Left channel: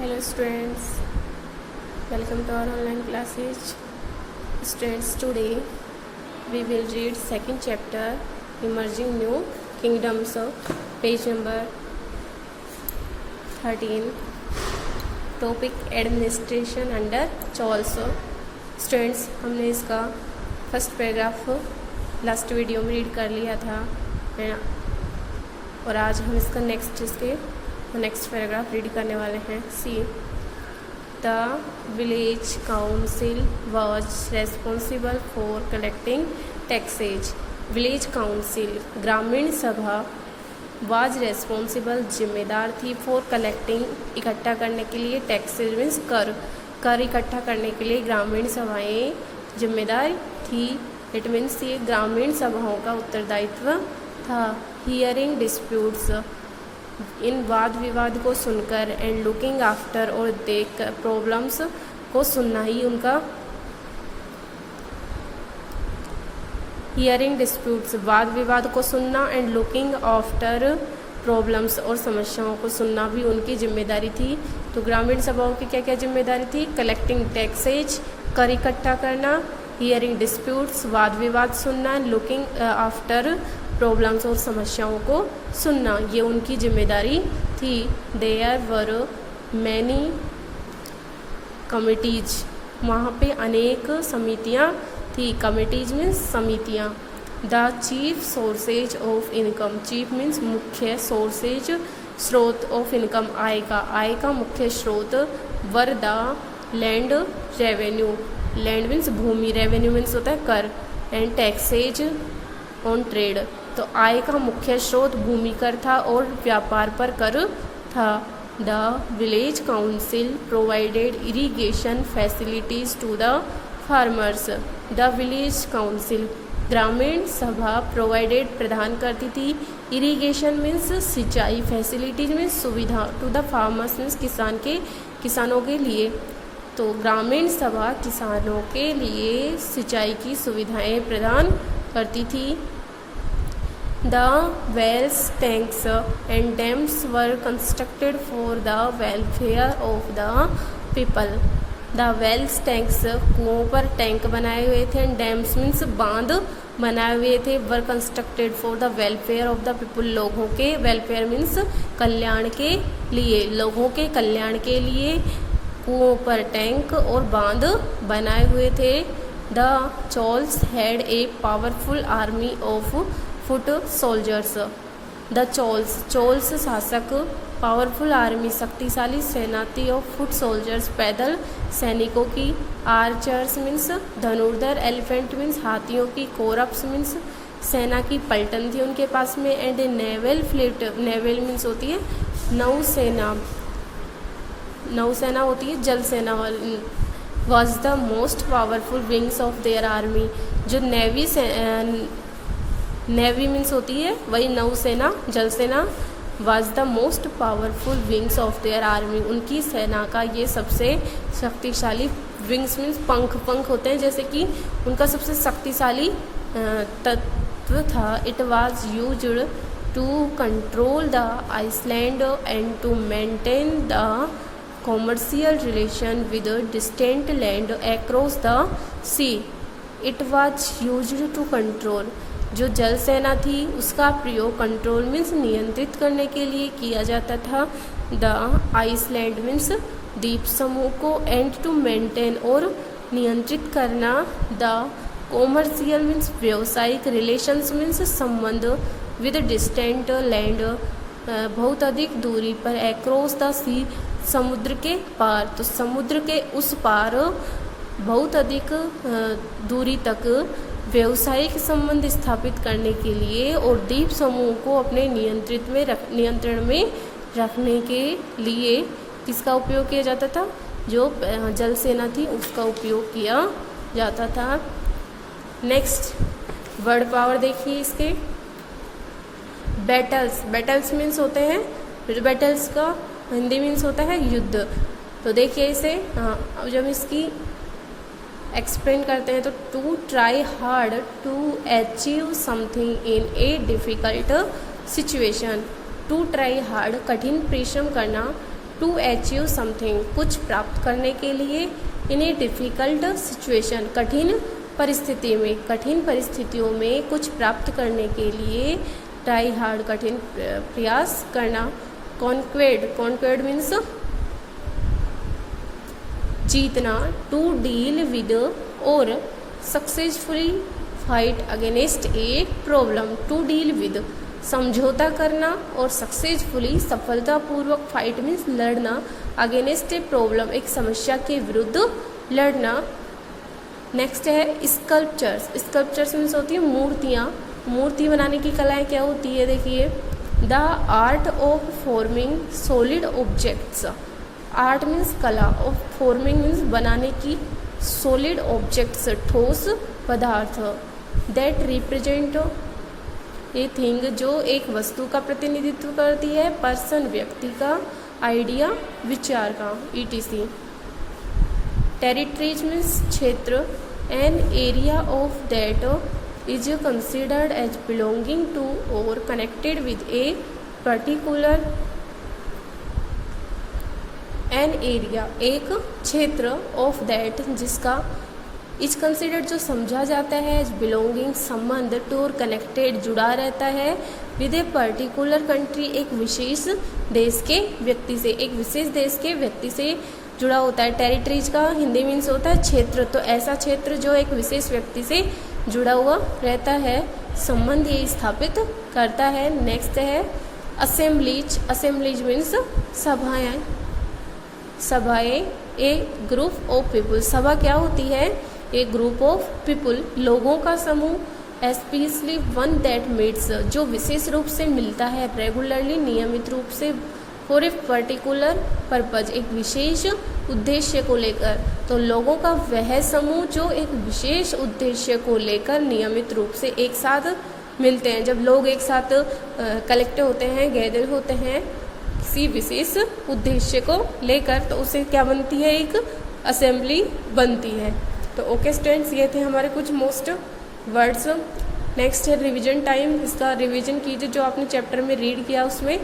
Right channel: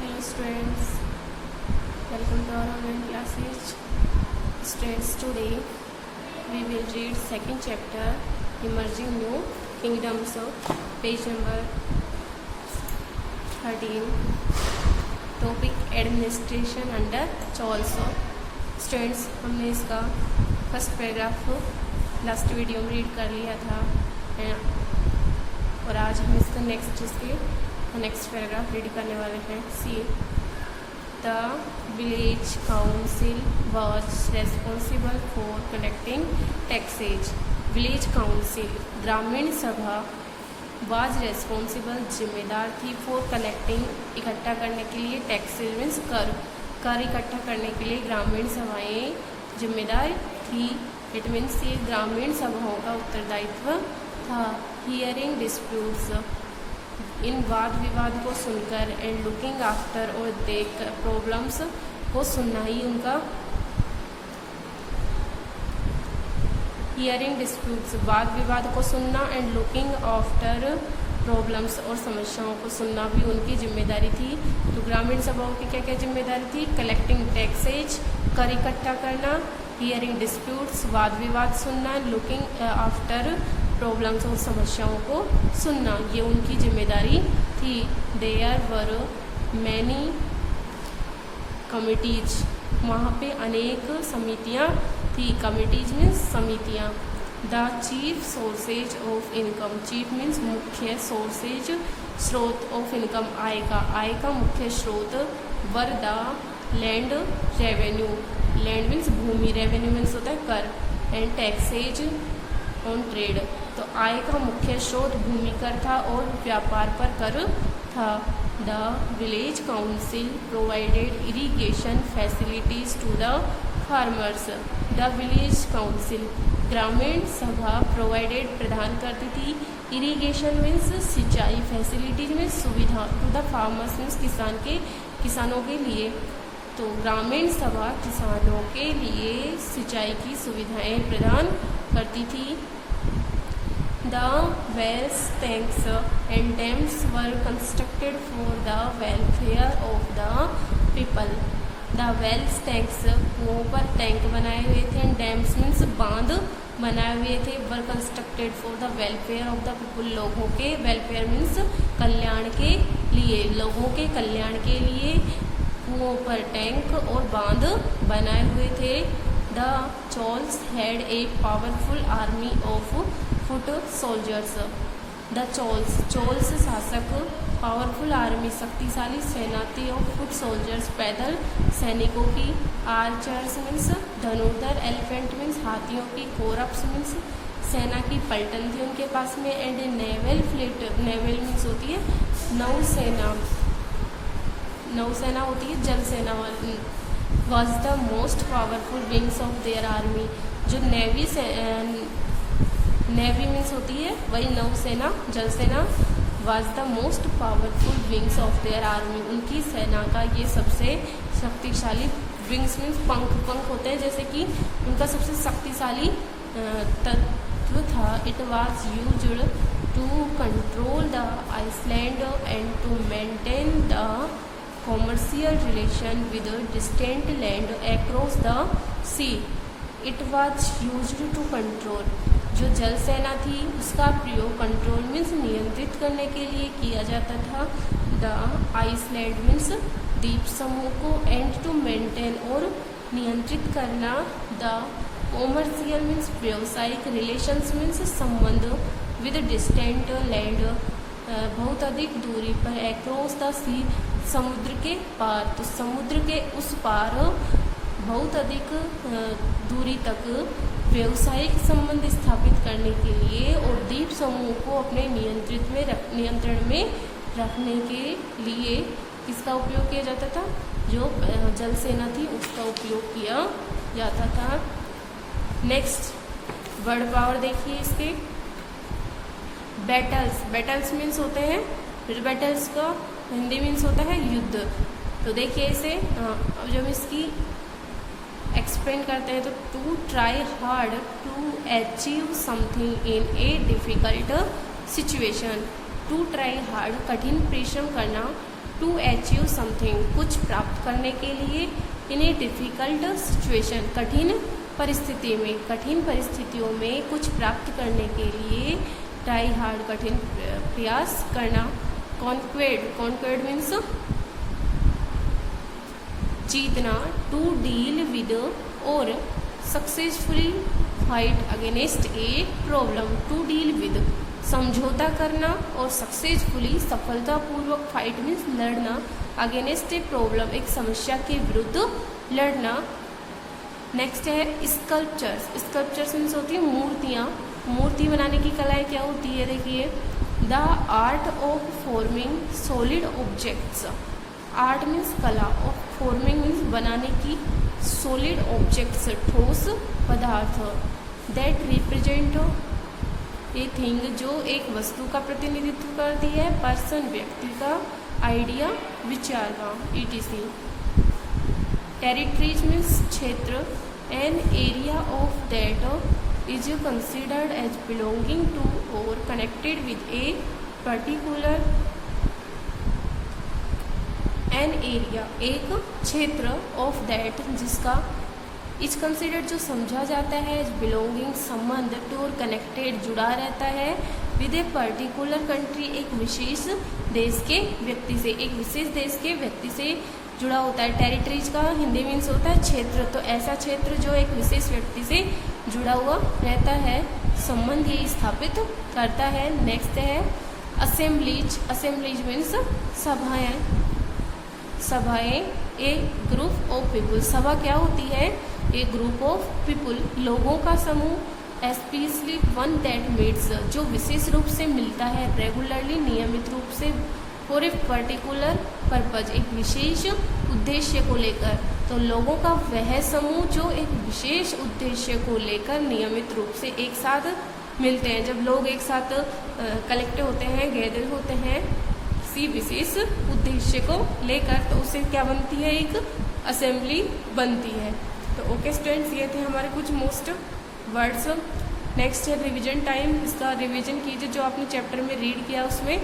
Hello students, welcome to our online classes. Students, today we will read second chapter Emerging New Kingdoms, page number 13. Topic Administration under Charles. Students, हमने इसका first paragraph last video में read कर लिया था और आज हम इसका नेक्स्ट पैराग्राफ रीड करने वाले हैं. See the village council was responsible for collecting taxes. Village council ग्रामीण सभा वाज रेस्पॉन्सिबल जिम्मेदार थी फॉर कलेक्टिंग इकट्ठा करने के लिए टैक्सेज मीन्स कर इकट्ठा करने के लिए ग्रामीण सभाएं जिम्मेदार थी. इट मीन्स ये ग्रामीण सभाओं का उत्तरदायित्व था. हियरिंग डिस्प्यूट्स इन वाद विवाद को सुनकर एंड लुकिंग आफ्टर और देख प्रॉब्लम्स को सुनना ही उनका. हियरिंग डिस्प्यूट्स वाद विवाद को सुनना एंड लुकिंग आफ्टर प्रॉब्लम्स और समस्याओं को सुनना भी उनकी जिम्मेदारी थी. तो ग्रामीण सभाओं की क्या क्या जिम्मेदारी थी? कलेक्टिंग टैक्सेज कर इकट्ठा करना, हियरिंग डिस्प्यूट्स वाद विवाद सुनना, लुकिंग आफ्टर प्रॉब्लम्स और समस्याओं को सुनना, ये उनकी जिम्मेदारी थी. देयर वर मैनी कमिटीज, वहाँ पे अनेक समितियाँ थी. कमिटीज मीन्स समितियाँ. The chief sources of income, chief means मुख्य, सोर्सेज स्रोत ऑफ इनकम आय का मुख्य स्रोत. Were the land revenue, land means भूमि, रेवेन्यू मीन्स होता है कर, एंड टैक्सेज ऑन ट्रेड. तो आय का मुख्य स्रोत भूमि कर था और व्यापार पर कर था. The village council provided irrigation facilities to the farmers. The village council ग्रामीण सभा प्रोवाइडेड प्रदान करती थी. इरिगेशन मीन्स सिंचाई, फैसिलिटीज मीन्स सुविधा, टू द फार्मर्स मीन्स किसानों के लिए. तो ग्रामीण सभा किसानों के लिए सिंचाई की सुविधाएं प्रदान करती थी. The wells, tanks and dams were constructed for the welfare of the people. The wells, tanks कुओं पर टैंक बनाए हुए थे. डैम्स मीन्स बांध बनाए हुए थे. वर constructed for the welfare of the people, लोगों के वेलफेयर मीन्स कल्याण के लिए, लोगों के कल्याण के लिए कुओं पर टैंक और बांध बनाए हुए थे. The Cholas had a powerful army of foot soldiers. The Cholas शासक पावरफुल आर्मी शक्तिशाली सेना थी. ऑफ फुट सोल्जर्स पैदल सैनिकों की. आर्चर्स मीन्स धनुर्धर. एलिफेंट मीन्स हाथियों की. कोरप्स मीन्स सेना की पलटन थी उनके पास में. And naval fleet, naval means होती है नौसेना, नौसेना होती है जल सेना वाली. Was the most powerful wings of their army, जो नेवी मीन्स होती है वही नौसेना जल सेना. Was the most powerful wings of their army, उनकी सेना का ये सबसे शक्तिशाली. विंग्स मीन्स पंख होते हैं जैसे कि उनका सबसे शक्तिशाली तत्व था. It was used to control the island and to maintain the commercial relation with distant land across the sea. It was used to control, जो जल सेना थी उसका प्रयोग कंट्रोल मीन्स नियंत्रित करने के लिए किया जाता था. द आइसलैंड मीन्स द्वीप समूह को. एंड टू मेंटेन और नियंत्रित करना. द कॉमर्शियल मीन्स व्यावसायिक. रिलेशंस मीन्स संबंध. विद डिस्टेंट लैंड बहुत अधिक दूरी पर. अक्रॉस द सी समुद्र के पार, तो समुद्र के उस पार बहुत अधिक दूरी तक व्यावसायिक संबंध स्थापित करने के लिए और द्वीप समूह को अपने नियंत्रण में रखने के लिए किसका उपयोग किया जाता था? जो जल सेना थी उसका उपयोग किया जाता था. नेक्स्ट वर्ड पावर देखिए इसके. बैटल्स मीन्स होते हैं, बैटल्स का हिंदी मीन्स होता है युद्ध. तो देखिए इसे अब जब इसकी एक्सप्लेन करते हैं तो to try hard to achieve something in a difficult situation. To try hard कठिन परिश्रम करना. टू अचीव समथिंग, कुछ प्राप्त करने के लिए, इन ए डिफ़िकल्ट सिचुएशन, कठिन परिस्थिति में, कठिन परिस्थितियों में कुछ प्राप्त करने के लिए, ट्राई हार्ड, कठिन प्रयास करना, कॉन्क्वेड, कॉन्क्वेड मीन्स जीतना, टू डील विद और successfully fight against a problem, to deal with समझौता करना और सक्सेसफुली सफलतापूर्वक, फाइट मीन्स लड़ना, अगेंस्ट ए प्रॉब्लम एक समस्या के विरुद्ध लड़ना। नेक्स्ट है स्कल्पचर्स, स्कल्पचर्स मीन्स होती है मूर्तियाँ, मूर्ति बनाने की कलाएं क्या होती है, देखिए the art of forming solid objects, art means कला, ऑफ फॉर्मिंग मीन्स बनाने की, सॉलिड ऑब्जेक्ट्स ठोस पदार्थ, दैट रिप्रेजेंट ए थिंग जो एक वस्तु का प्रतिनिधित्व करती है, पर्सन व्यक्ति का, आइडिया विचार का, ETC। टेरिटरीज मीन्स क्षेत्र, an area of that is considered as belonging to or connected with a particular, an area एक क्षेत्र, ऑफ दैट जिसका, इज कंसिडर्ड जो समझा जाता है, एज बिलोंगिंग संबंध, टू और कनेक्टेड जुड़ा रहता है, विद ए पर्टिकुलर कंट्री एक विशेष देश के व्यक्ति से, एक विशेष देश के व्यक्ति से जुड़ा होता है। टेरिटरीज का हिंदी मीन्स होता है क्षेत्र, तो ऐसा क्षेत्र जो एक विशेष व्यक्ति से जुड़ा हुआ रहता है, संबंध ये स्थापित करता है। नेक्स्ट है असेंबलीज, असेंबलीज मीन्स सभाएं, सभाएं, ए ग्रुप ऑफ पीपुल, सभा क्या होती है, ए ग्रुप ऑफ पीपुल लोगों का समूह, एस्पेशली वन दैट मीट्स जो विशेष रूप से मिलता है, रेगुलरली नियमित रूप से, फॉर ए पर्टिकुलर पर्पज एक विशेष उद्देश्य को लेकर, तो लोगों का वह समूह जो एक विशेष उद्देश्य को लेकर नियमित रूप से एक साथ मिलते हैं। जब लोग एक साथ कलेक्ट होते हैं, गैदर होते हैं किसी विशेष उद्देश्य को लेकर, तो उससे क्या बनती है, एक असेंबली बनती है। तो ओके स्टूडेंट्स, ये थे हमारे कुछ मोस्ट वर्ड्स। नेक्स्ट है रिवीजन टाइम, इसका रिवीजन कीजिए जो आपने चैप्टर में रीड किया उसमें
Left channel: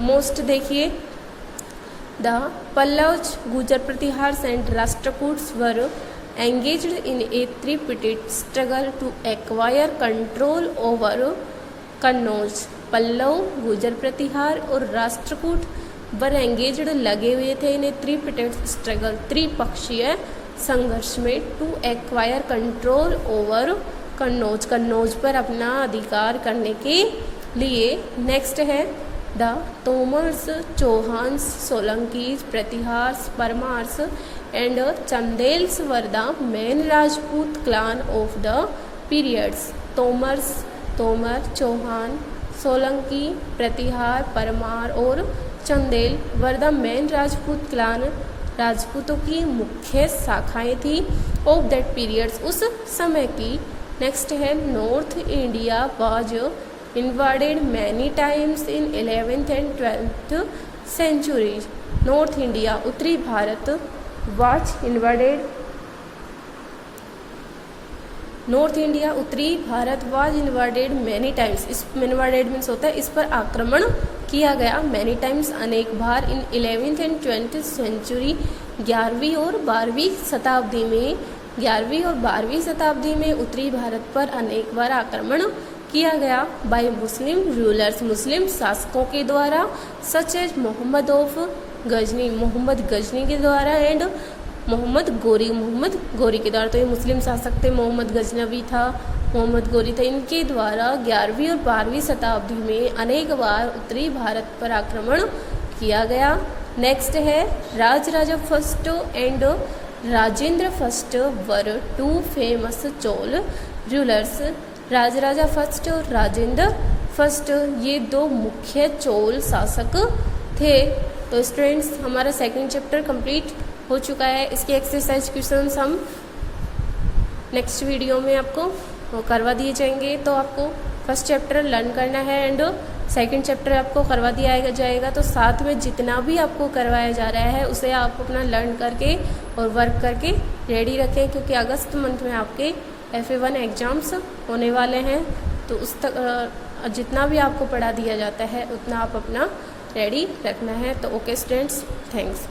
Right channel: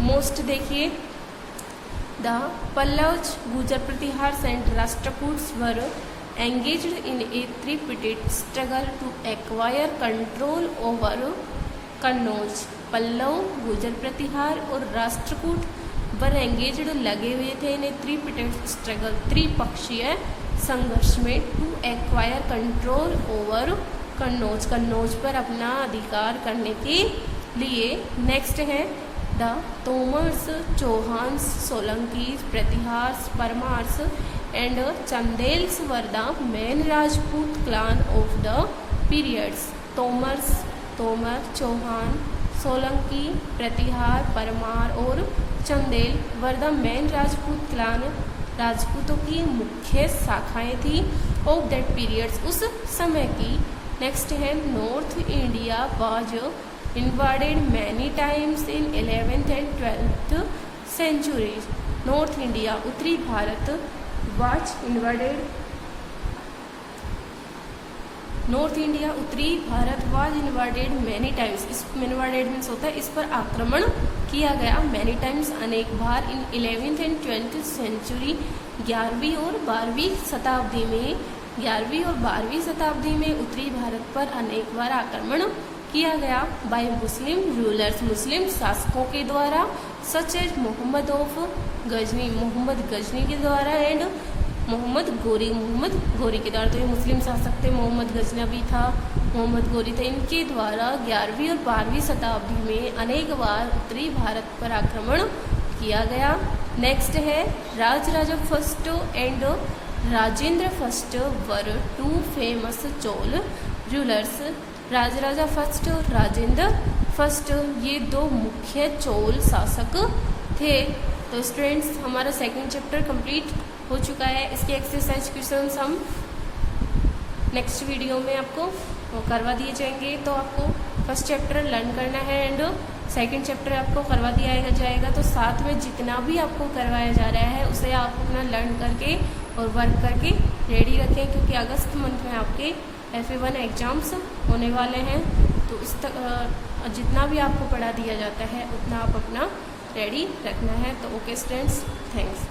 मोस्ट देखिए। The Pallavas, Gurjara Pratihara and Rashtrakutas were engaged in a tripartite struggle to acquire control over Kannauj. Pallava, Gurjara Pratihara और राष्ट्रकूट वर एंगेज्ड लगे हुए थे इन ए त्रिपिटेड स्ट्रगल त्रिपक्षीय संघर्ष में, to acquire control over Kannauj, Kannauj पर अपना अधिकार करने के लिए। नेक्स्ट है the Tomars, Chauhans, Solankis, Pratiharas, Paramaras and Chandelas were the main Rajput clan of the periods. Tomars, Tomar, Chauhan, Solanki, Pratihara, Paramara और Chandela were the main Rajput clan, राजपूतों की मुख्य शाखाएं थी, ऑफ दैट पीरियड्स उस समय की। नेक्स्ट है north India was invaded many times in 11th and 12th centuries। North India उत्तरी Bharat was invaded, north India उत्तरी Bharat was invaded many times, इस इन्वाडेड मीन्स होता है इस पर आक्रमण किया गया, मैनी टाइम्स अनेक बार, इन 11th and 20th century 11वीं और 12वीं शताब्दी में, 11वीं और 12वीं शताब्दी में उत्तरी भारत पर अनेक बार आक्रमण किया गया, बाय मुस्लिम रूलर्स, मुस्लिम शासकों के द्वारा, such as Mohammed of Ghazni, Mohammed Ghazni के द्वारा, एंड मोहम्मद गोरी के द्वारा। तो ये मुस्लिम शासक थे, मोहम्मद गजनवी था, मोहम्मद गोरी थे, इनके द्वारा 11वीं और 12वीं शताब्दी में अनेक बार उत्तरी भारत पर आक्रमण किया गया। नेक्स्ट है Rajaraja first and Rajendra first were two famous Chola rulers. Rajaraja first और राजेंद्र फर्स्ट ये दो मुख्य चोल शासक थे। तो स्टूडेंट्स हमारा सेकंड चैप्टर कंप्लीट हो चुका है। इसके एक्सरसाइज क्वेश्चंस हम नेक्स्ट वीडियो में आपको करवा दिए जाएंगे। तो आपको फर्स्ट चैप्टर लर्न करना है एंड सेकंड चैप्टर आपको करवा दिया जाएगा। तो साथ में जितना भी आपको करवाया जा रहा है उसे आप अपना लर्न करके और वर्क करके रेडी रखें, क्योंकि अगस्त मंथ में आपके FA1 एग्ज़ाम्स होने वाले हैं। तो उस तक जितना भी आपको पढ़ा दिया जाता है उतना आप अपना रेडी रखना है। तो ओके स्टूडेंट्स, थैंक्स।